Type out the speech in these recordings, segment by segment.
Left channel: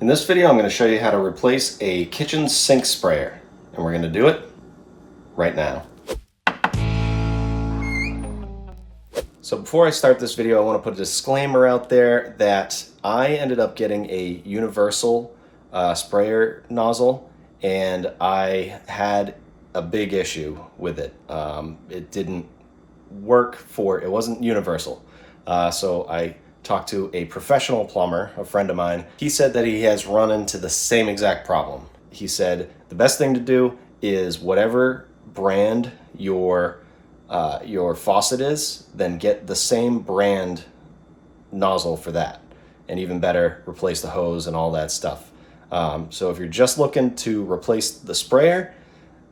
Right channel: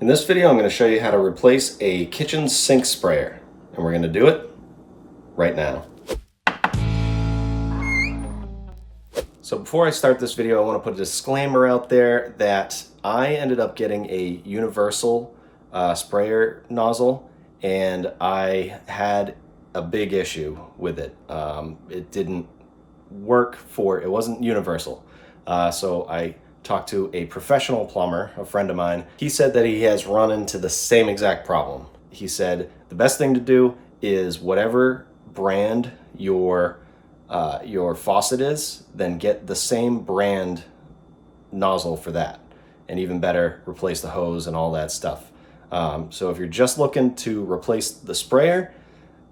In this video, I'm going to show you how to replace a kitchen sink sprayer, and we're going to do it right now. So before I start this video, I want to put a disclaimer out there that I ended up getting a universal sprayer nozzle, and I had a big issue with it. It didn't work it wasn't universal. So I talked to a professional plumber, a friend of mine. He said that he has run into the same exact problem. He said the best thing to do is whatever brand your faucet is, then get the same brand nozzle for that. And even better, replace the hose and all that stuff. So if you're just looking to replace the sprayer,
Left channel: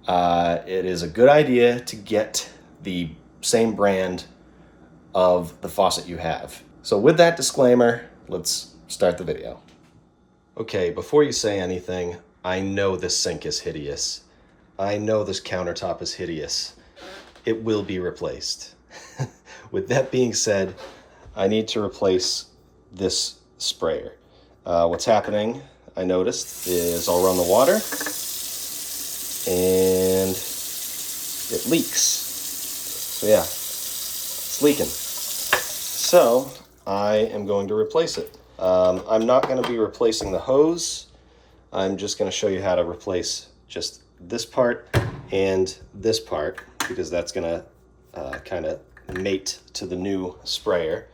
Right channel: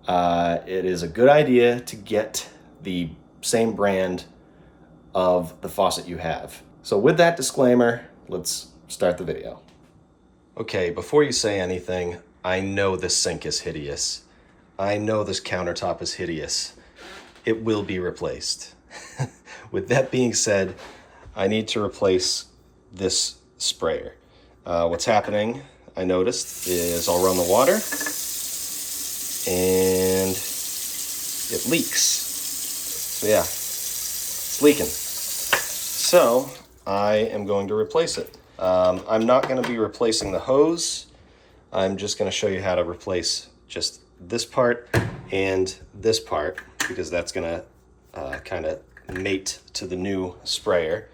it is a good idea to get the same brand of the faucet you have. So with that disclaimer, let's start the video. Okay, before you say anything, I know this sink is hideous. I know this countertop is hideous. It will be replaced. With that being said, I need to replace this sprayer. What's happening, I noticed, is I'll run the water and it leaks. So yeah, it's leaking. So I am going to replace it. I'm not going to be replacing the hose. I'm just going to show you how to replace just this part and this part, because that's going to kind of mate to the new sprayer.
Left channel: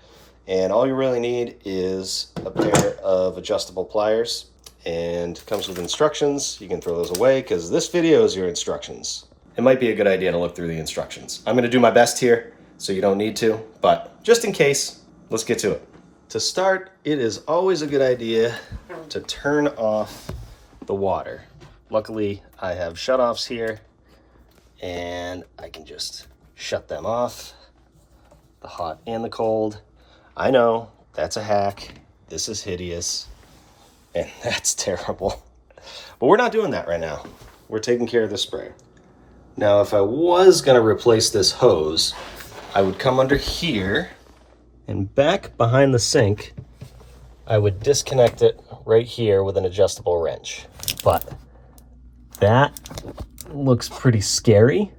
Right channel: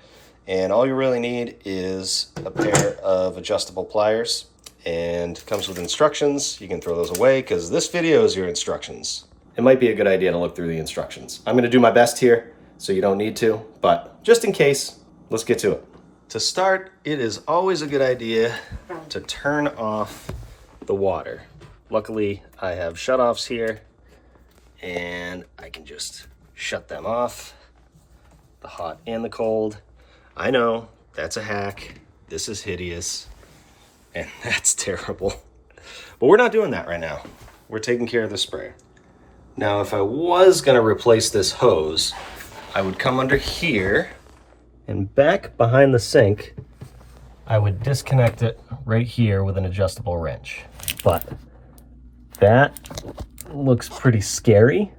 And all you really need is a pair of adjustable pliers, and it comes with instructions. You can throw those away because this video is your instructions. It might be a good idea to look through the instructions. I'm going to do my best here, so you don't need to, but just in case, let's get to it. To start, it is always a good idea to turn off the water. Luckily, I have shutoffs here, and I can just shut them off, the hot and the cold. I know, that's a hack. This is hideous, and that's terrible. But we're not doing that right now. We're taking care of the sprayer. Now, if I was gonna replace this hose, I would come under here, and back behind the sink, I would disconnect it right here with an adjustable wrench. But that looks pretty scary,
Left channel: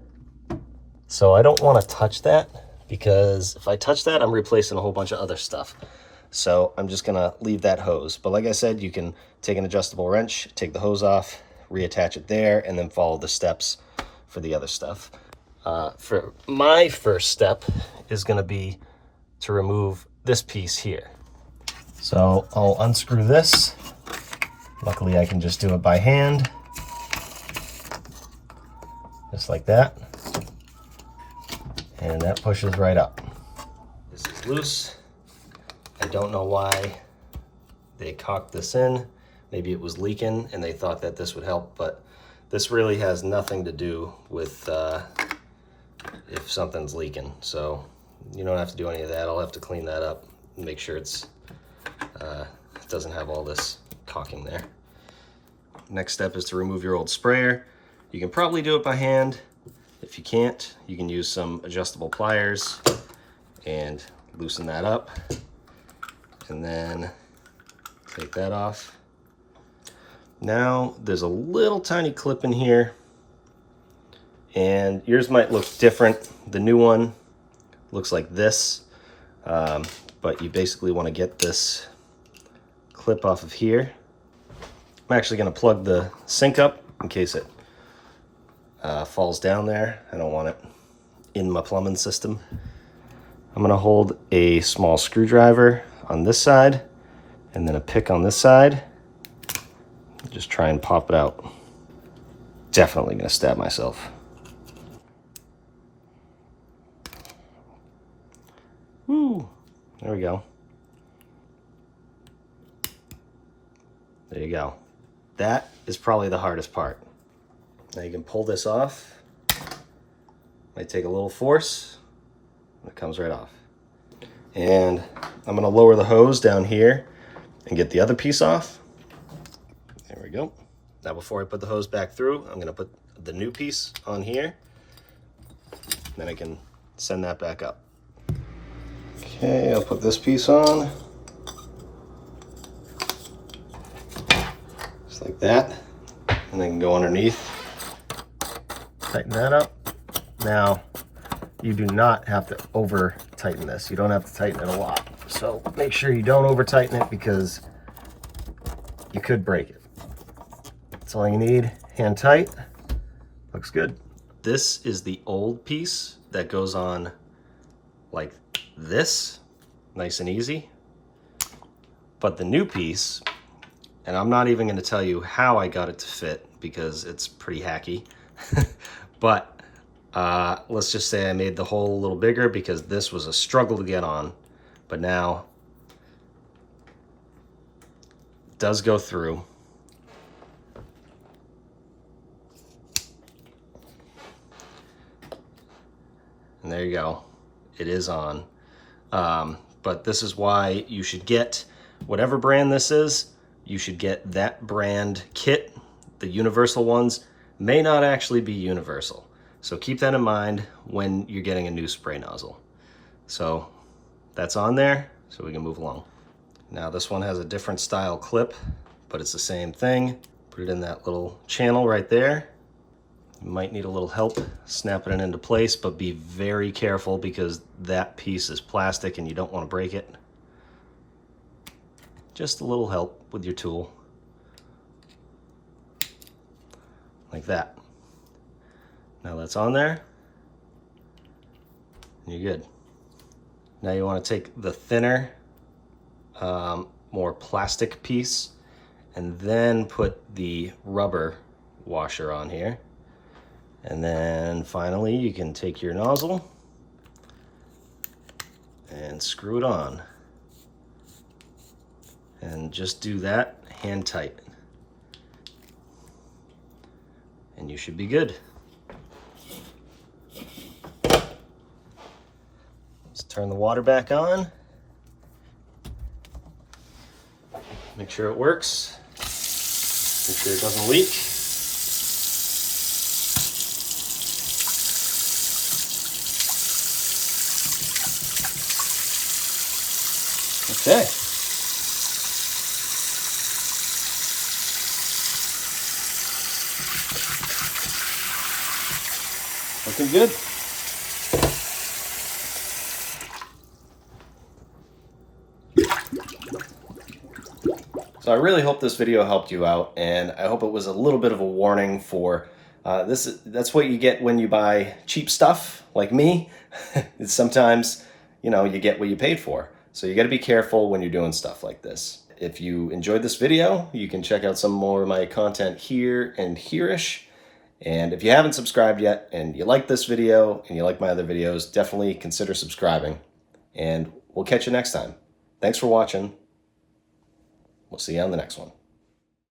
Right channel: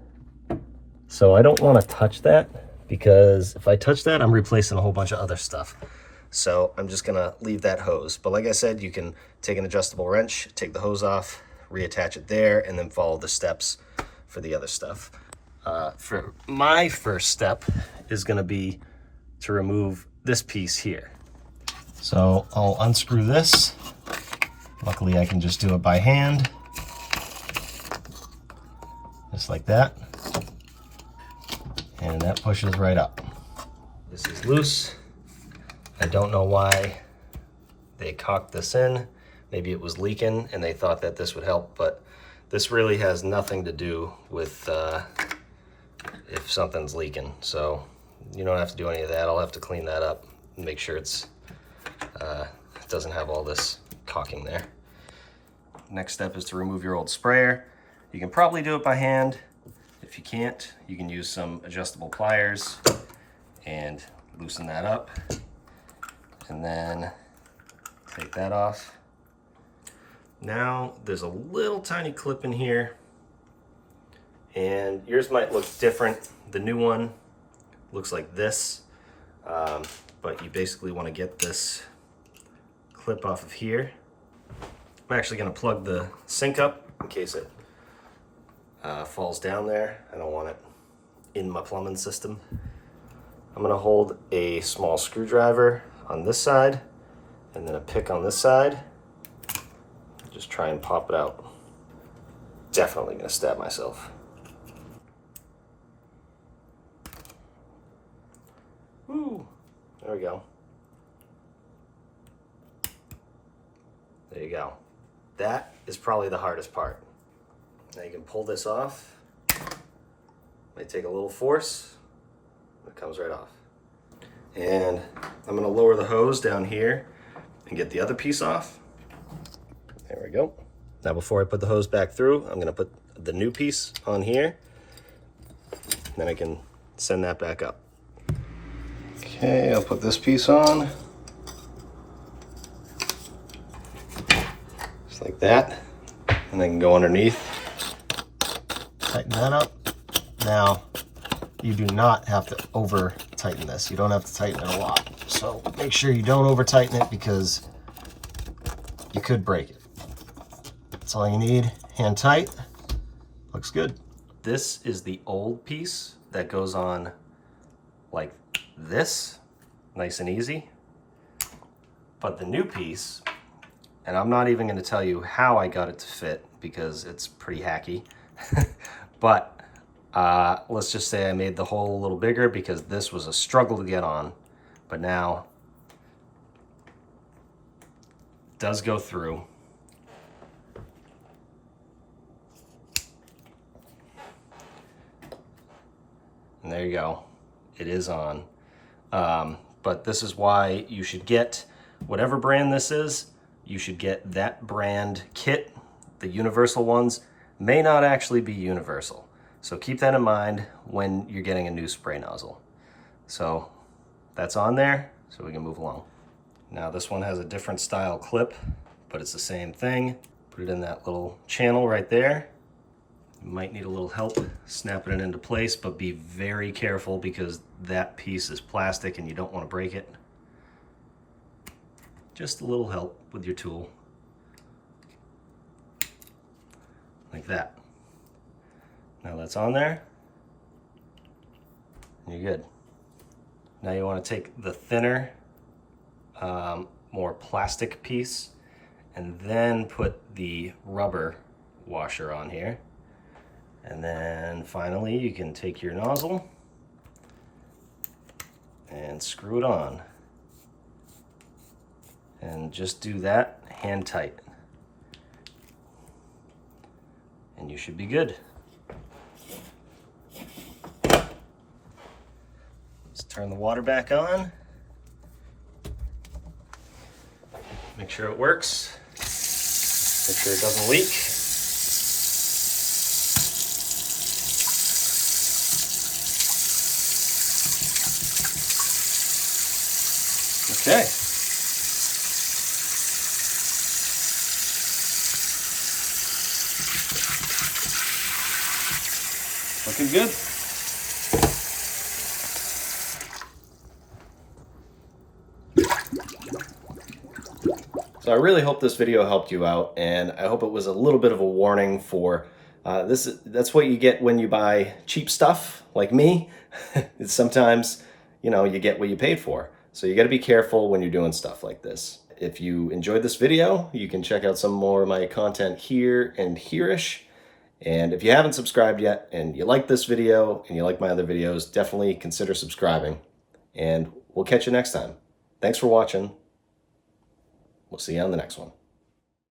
so I don't want to touch that, because if I touch that, I'm replacing a whole bunch of other stuff. So I'm just going to leave that hose. But like I said, you can take an adjustable wrench, take the hose off, reattach it there, and then follow the steps for the other stuff. For my first step is going to be to remove this piece here. So I'll unscrew this. Luckily I can just do it by hand, just like that, and that pushes right up. This is loose. I don't know why they cocked this in. Maybe it was leaking and they thought that this would help, but this really has nothing to do with if something's leaking. So you don't have to do any of that. I'll have to clean that up and make sure it doesn't have all this caulking there. Next step is to remove your old sprayer. You can probably do it by hand. If you can't, you can use some adjustable pliers and loosen that up. And then take that off. Now there's a little tiny clip in here, and yours might look different. The new one looks like this, but you basically want to get this clip off of here. I'm actually going to plug the sink up in case it falls down there. I don't want it in my plumbing system. I'm going to hold a small screwdriver on this side and then a pick on this side. Just try and pop it out. Definitely going to stab myself. Woo, there we go. There you go. That is probably the hardest part. Now you can pull this off. Might take a little force, and it comes right off. And I'm gonna lower the hose down here and get the other piece off. There we go. Now before I put the hose back through, I'm gonna put the new piece on here. Then I can send that back up. Okay, I'll put this piece on. Just like that. And then go underneath. Tighten that up. Now, you do not have to over tighten this. You don't have to tighten it a lot. So make sure you don't over tighten it because you could break it. That's all you need. Hand tight. Looks good. This is the old piece that goes on like this, nice and easy. But the new piece, and I'm not even going to tell you how I got it to fit because it's pretty hacky, but let's just say I made the hole a little bigger because this was a struggle to get on, but now it does go through. And there you go. It is on. But this is why you should get, whatever brand this is, you should get that brand kit. The universal ones may not actually be universal. So keep that in mind when you're getting a new spray nozzle. So that's on there, so we can move along. Now this one has a different style clip, but it's the same thing. Put it in that little channel right there. You might need a little help snapping it into place, but be very careful because that piece is plastic and you don't want to break it. Just a little help with your tool. Like that. Now that's on there. And you're good. Now you want to take the thinner, more plastic piece and then put the rubber washer on here. And then finally you can take your nozzle and screw it on. And just do that hand tight. And you should be good. Let's turn the water back on. Make sure it works. Make sure it doesn't leak. Okay. Looking good. So I really hope this video helped you out, and I hope it was a little bit of a warning for that's what you get when you buy cheap stuff like me. It's sometimes, you know, you get what you paid for. So you got to be careful when you're doing stuff like this. If you enjoyed this video, you can check out some more of my content here and here-ish. And if you haven't subscribed yet and you like this video and you like my other videos, definitely consider subscribing. And we'll catch you next time. Thanks for watching. We'll see you on the next one.